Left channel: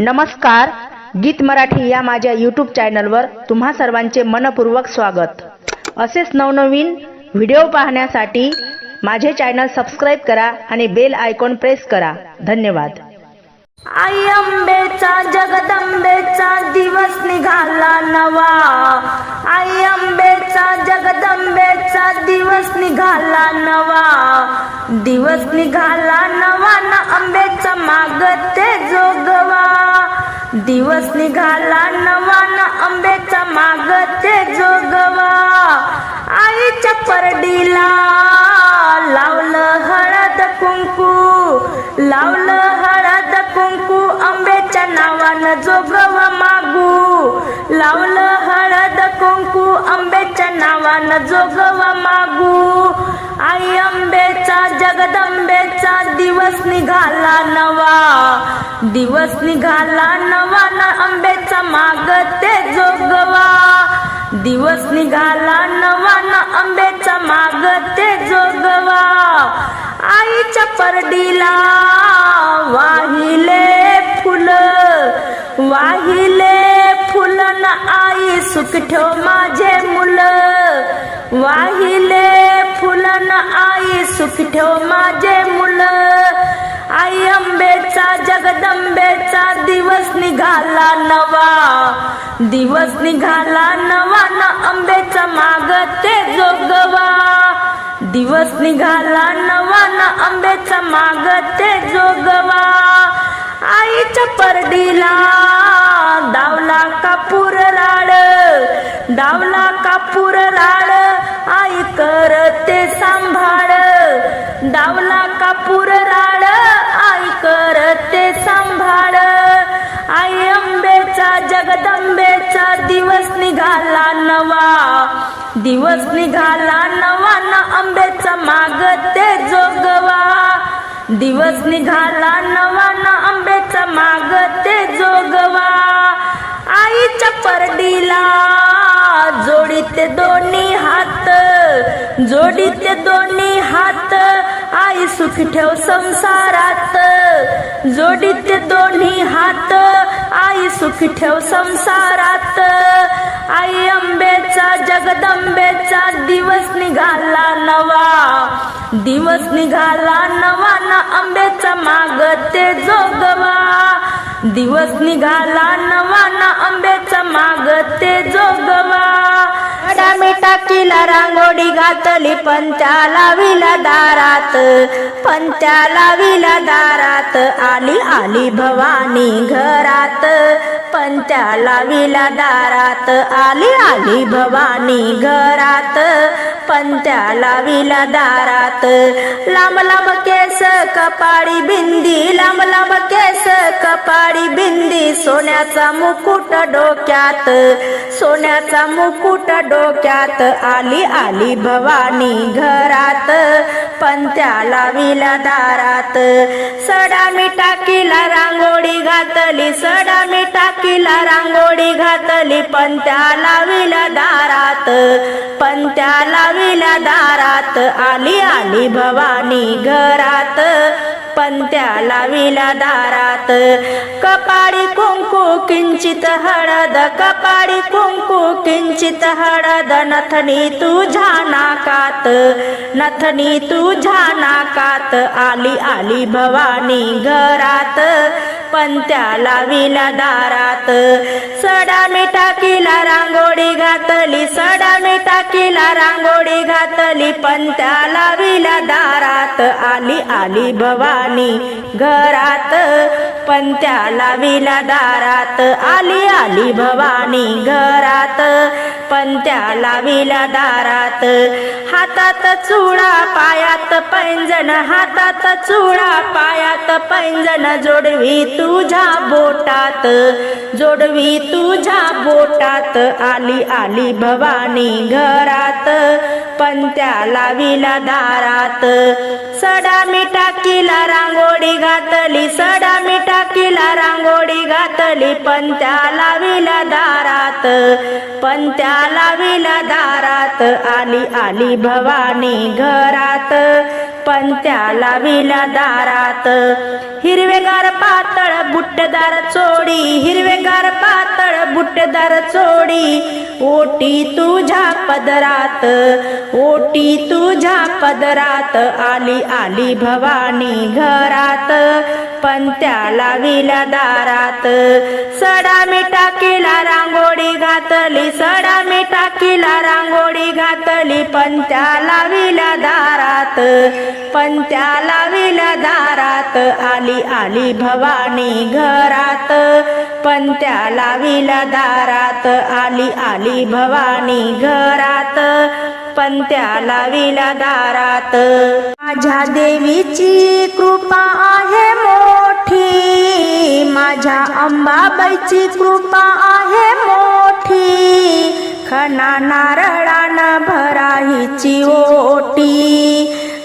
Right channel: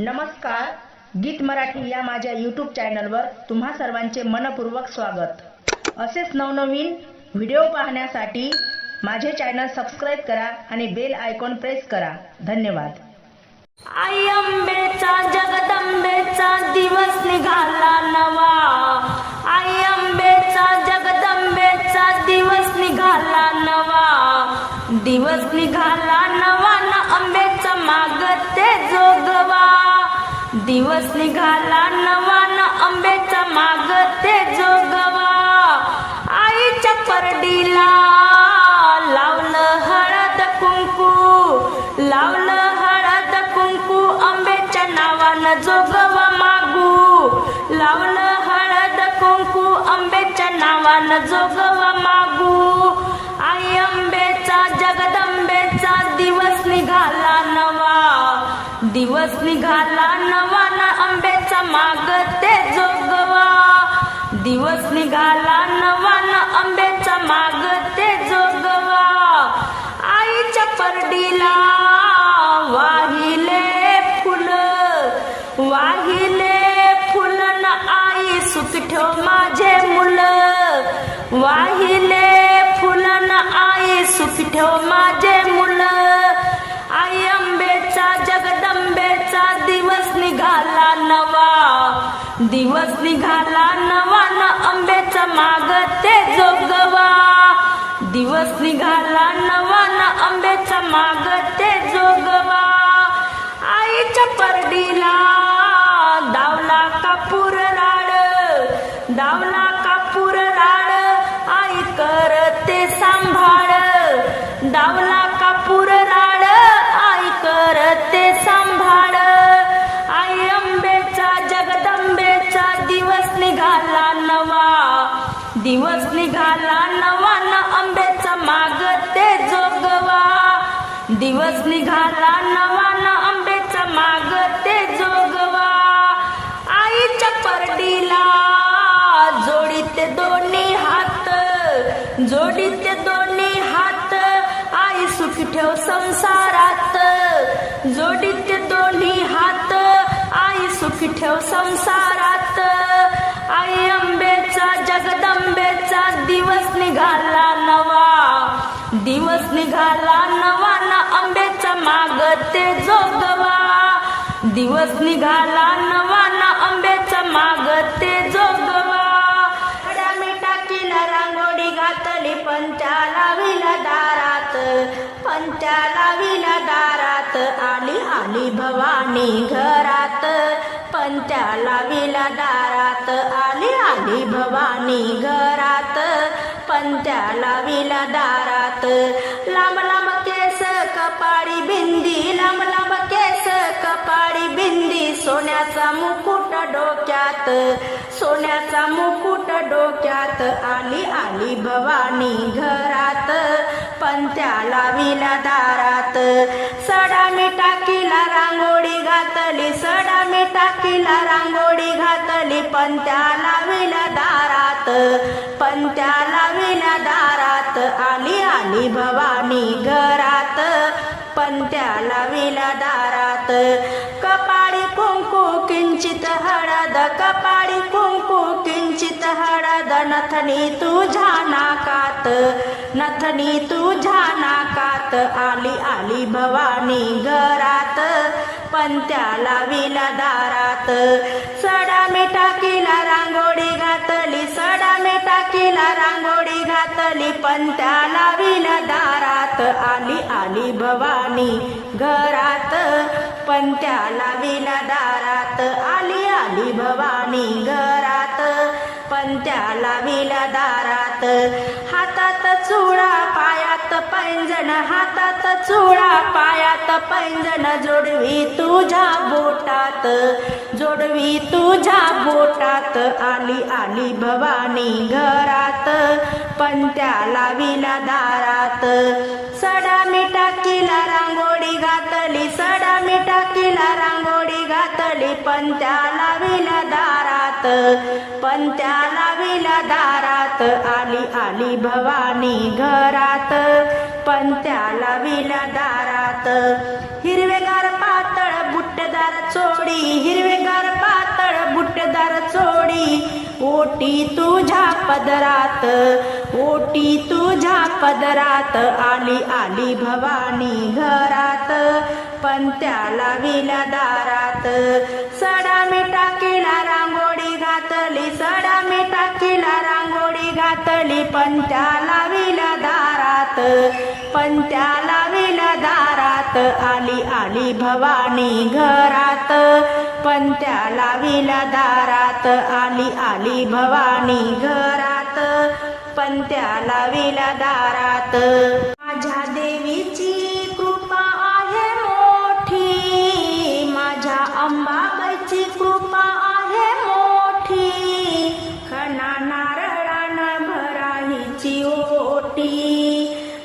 नमस्कार. गीत मराठी या माझ्या यूट्यूब चॅनलवर तुम्हा सर्वांचे मनपूर्वक स्वागत. असेच नवनवीन व्हिडिओ पाहण्यासाठी माझे चॅनल सबस्क्राईब करा आणि बेल आयकॉन प्रेस करा. धन्यवाद. आई अंबेचा जगदंबेचा दिवस निघाला नवा. आई अंबेचा जगदंबेचा दिवस निघाला नवा. दिवस निघाला नवा आंबेच्या माग मागते जोगवा. दिवस निघाला नवा आंब्याच्या माग मागते जोगवा. आईच्या परडीला लावलं हळद कुंकू लावलं हळद कुंकू आंब्याच्या नावानं जोगवा मागू. लावलं हळद कुंकू आंब्याच्या नावानं जोगवा मागू. आई आंब्याचा जगदंबेचा दिवस निघाला नवा. दिवस निघाला नवा ना आंब्याचा मागते जोगवा. दिवस निघाला नवा न आंब्याचा मागते जोगवा. आईच्या परडीला वाहिले फुल. वाहिले फुल ना आई सुख ठेव माझे मुल. वाहिले फुल आई सुखी ठेव माझे मुलं? आई आंबेचा जगदंबेचा दिवस निघाला नवा. दिवस निघाला नवा न माग ते जोगवा. दिवस निघाला नवा न माग ते जोगवा. आईच्या परडीला दावला कापूर राड दावला कापूर राड सांभाळ. दावला कापूर राळ आई करते सांभाळ. आई अंबेचा जगदंबेचा दिवस निघाला नवा. दिवस निघाला नवा न आंब्याचा मागते जोगवा. दिवस निघाला नवा न आंब्याचा मागते जोगवा. आईच्या परडीला जोडीत दोन्ही हात जोडीते दोन्ही हात. आई सुख ठेव संसारात. जोडीते दोन्ही हात. आई सुख ठेव संसारात. आई अंबेचा जगदंबेचा दिवस निघाला नवा. दिवस निघाला नवा ना आंब्याचा मागते जोगवा. दिवस निघाला नवा ना आंब्याचा मागते जोगवा. मी टाकीला रांगोळी घातली पंचा लाविला दारात. त्या लाविला दारात आली आली भवानी घरात. पण त्याला विला दारात. आली आली भवानी घरात. पण त्याला विला दारात. लांब लांब केस कपाळी बिंदी लांब लांब केस कपाळी बिंदी. सोन्याचा मुकुट डोक्यात सोन्याचा मुकुट डोक्यात. आली आली भवानी घरात. पण त्याला विला दारात. सडा मी टाकीला रांगोळी घातली सडा मी तिला रांगोळी घातली पण त्या लाविला दारात. पण त्या लाविला दारात आली आली भवानी घरात. पण त्या लाविला दारात. कपाळी कुंकू किंचित हळद कपाळी कुंकू किंचित हळद. नथनी तुझ्या नाकात नथनी तुझ्या नाकात आली आली भवानी घरात. पण त्याला विना दारात सडा मी टाकीला रांगोळी घातली सडा मी टाकीला रांगोळी घातली. पण त्याला विना दारात आली आली भवानी घरात. पण त्याला विला दारात. आली आली भवानी घरात. पण त्याला विला दारात. हातात चुडा पायात पैंजण हातात चुडा पायात पैंजण. जोडवी तुझ्या बोटात जोडवी तुझ्या बोटात. आली आली भवानी घरात. पण त्याला विला दारात. सडा मी टाकीला रांगोळी घातली सडा मी टाकीला रांगोळी घातली पण त्या लाविला दारात पण त्या लाविला दारात आली आली भवानी घरात. पण त्याला विला दारात. हिरवेगार पातळ बुट्टदार चोडी हिरवेगार पातळ बुट्टदार चोडी. ओटी तुझ्या पदरात ओटी तुझ्या पदरात आली आली भवानी घरात. पण त्याला विला दारात सडा मिठा केला रांगोळी घातली. सडा मिठा केला रांगोळी घातली. पण त्या लाविल्या दारात पण त्या लाविल्या दारात. आली आली भवानी घरात पण त्या लाविल्या दारात. आली आली भवानी घरात पण त्या लाविल्या दारात. माझ्या देवीची कृपा आहे मोठी. माझ्या अंबाबाईची कृपा आहे मोठी. खना नारळानं भराहीची ओटी.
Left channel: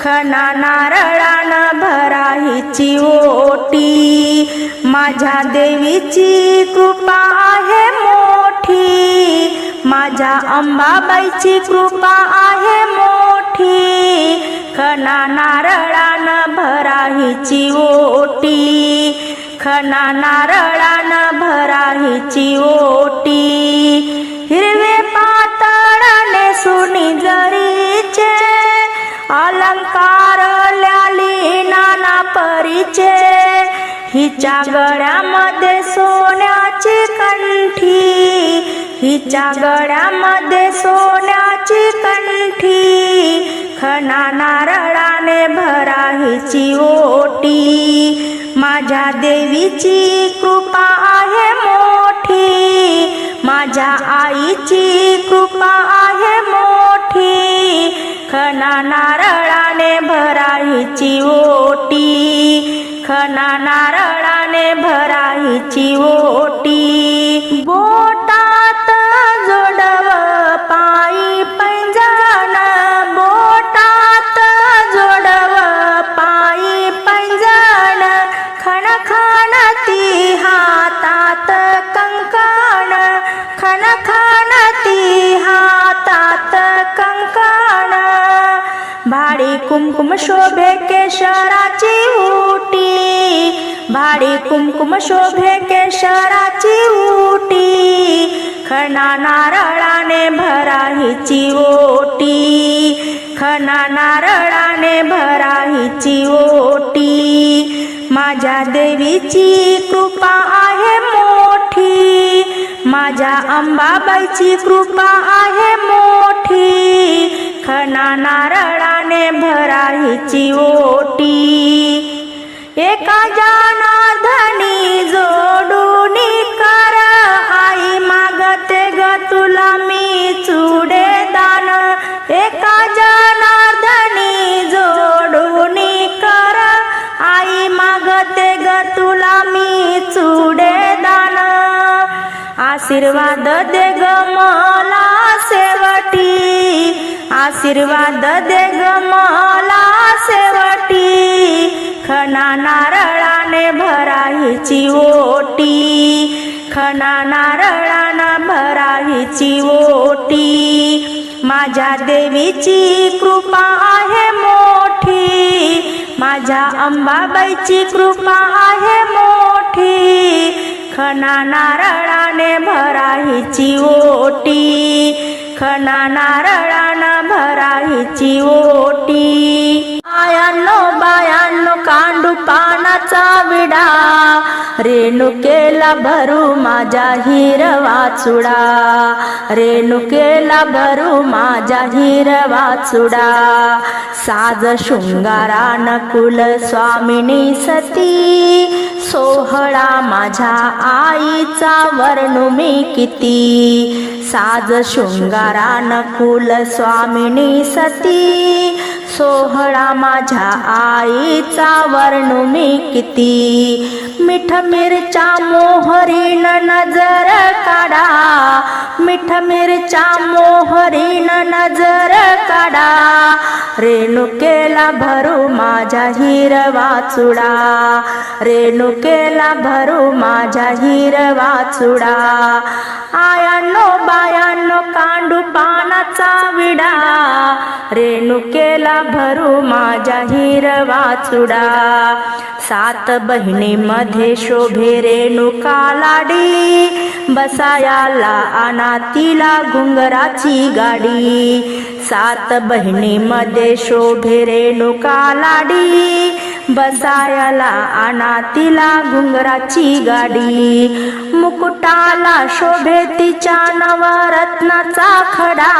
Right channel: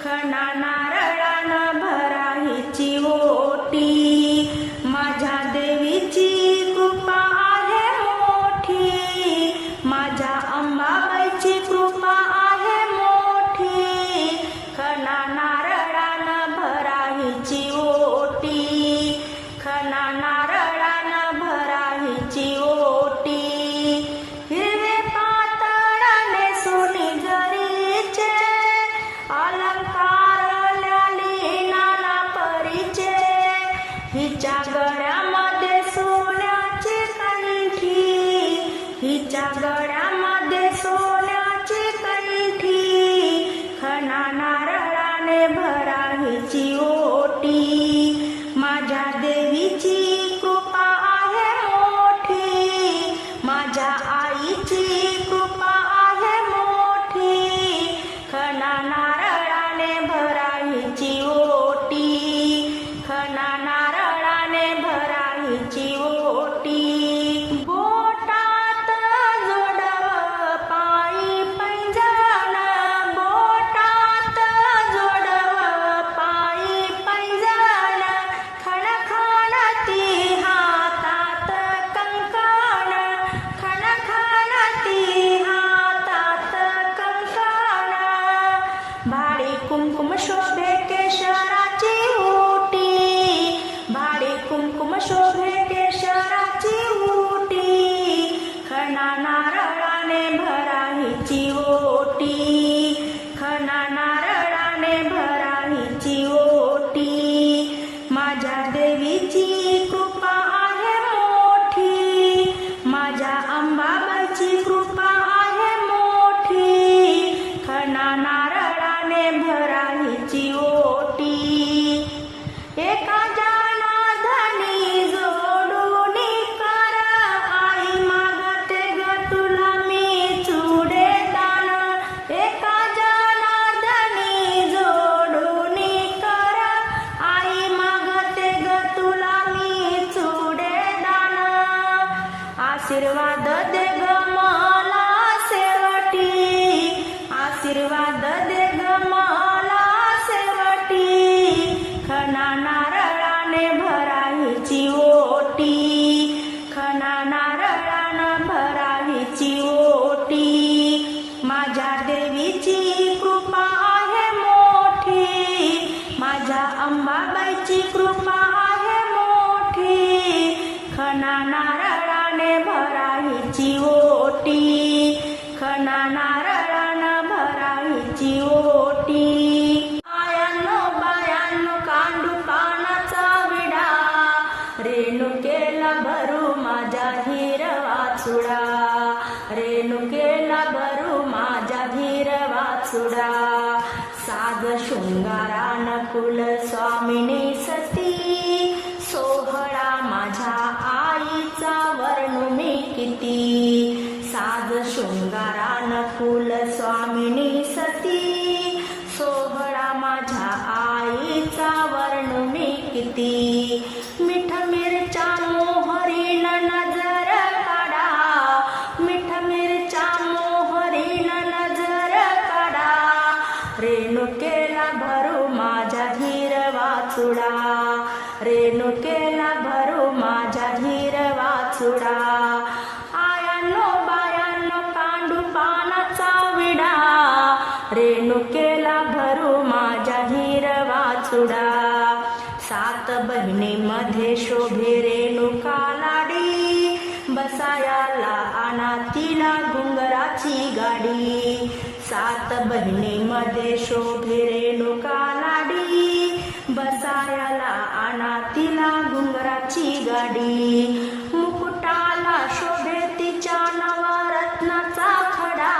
खना नारळानं भराहीची ओटी. माझ्या देवीची कृपा आहे मोठी. माझ्या अंबाबाईची कृपा खना नारळान भरा हिची ओटी. हिरवे पातळने सुनी जरीचे अलंकार ल्याली नाना परीचे. हिच्या गळ्यामध्ये सोन्याची कंठी हिच्या गळ्यामध्ये सोन्याची कंठी. खना नारळाने भराहीची ओटी आईची कृपा आहे मोठी. माझ्या आईची कृपा आहे मोठी. खना नारळाने भरायची ओटी. खना नारळाने कुमकुम शोभे केशराची उटी भाडी कुमकुम शोभे केशराची उटी खना नारळाने भराहीची ओटी. खना नारळाने भराहीची ओटी. माझ्या देवीची कृपा आहे मोठी. माझ्या अंबाबाईची कृपा आहे आशीर्वाद दे ग मला शेवटी. खना नारळाने भराहीची ओटी. खना नारळानं भराहीची ओटी. माझ्या देवीची कृपा आहे मोठी. माझ्या अंबाबाईची कृपा आहे मोठी. खना नारळाने भराहीची ओटी. खना नारळ भराहीची ओटी. आयानो बायानो कांडू पानाचा विडा. रेणुकेला भरू माझ्या हिरवा चुडा. रेणुकेला भरू माझ्या हिरवा चुडा. साज शृंगारान कुल स्वामिनी सती. सोहळा माझ्या आईचा वर्णू मी किती. साज शृंगारान कुल स्वामिनी सती. सोहळा माझ्या आईचा वर्णू मी किती. मिठ मिरच्या मोहरीन नजर काढा. मिठ मिरच्या मोहरीन नजर रेणुकेला भरू माझ्या हिरवा चुडा. रेणुकेला भरू माझ्या हिरवा चुडा. आयानो बायानो कांडू पानाचा विडा. रेणुकेला भरू माझ्या हिरवा चुडा. सात बहिणीमध्ये शोभे रेणुका लाडी बसायाला आणा तिला घुंगराची गाडी. सात बहिणीमध्ये शोभे रेणुका लाडी. बसायाला आणा तिला घुंगराची गाडी. मुकुटाला शोभे तिच्या नवरत्नाचा खडा.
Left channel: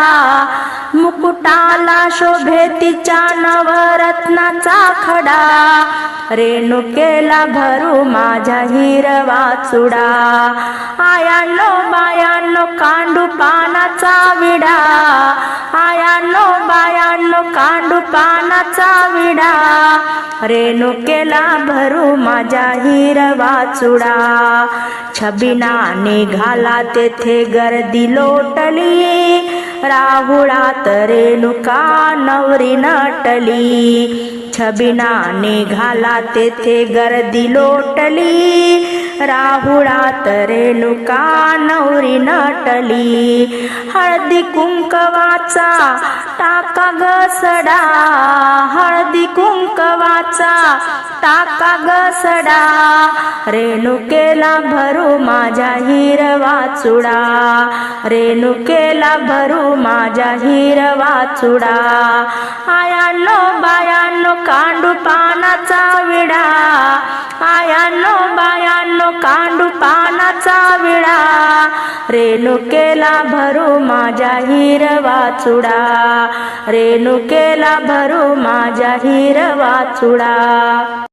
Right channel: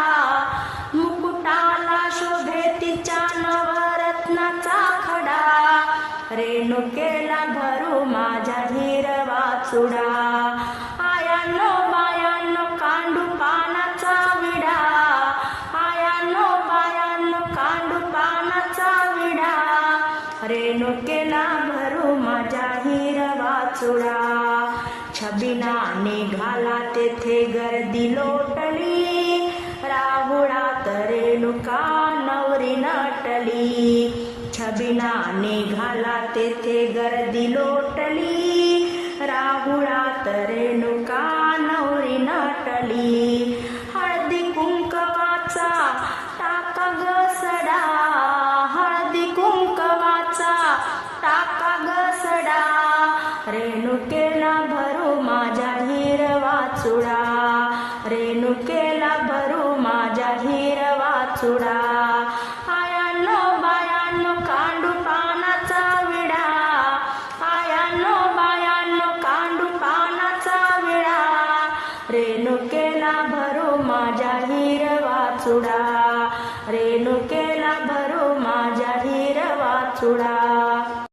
मुकुटाला शोभे तिच्या नवरत्नाचा खडा. रेणुकेला भरू माझ्या हिरवा चुडा. आयानो बायानो कांडू पानाचा विडा. आयानो बायानो कांडू पानाचा विडा. रेणुकेला भरू माझ्या हिरवा चुडा. छबिना निघाला तेथे गर्दी लोटली. राहुळात रेणुका नवरी नटली? छबिना निघाला तेथे गर्दी लोटली. राहुळात रेणुका नवरी नटली? हळदी कुंकवाचा टाका गसडा हळदी कुंकवाचा टाका गसडा रेणुकेला भरू माझ्या हिरवा चुडा. रेणुकेला भरू माझ्या हिरवा चुडा. आयानो बायानो कांडू पानाचा विडा. आयानो बायानो कांडू पानाचा विडा. रेणुकेला भरू माझ्या हिरवा चुडा. रेणुकेला भरू माझ्या हिरवा चुडा.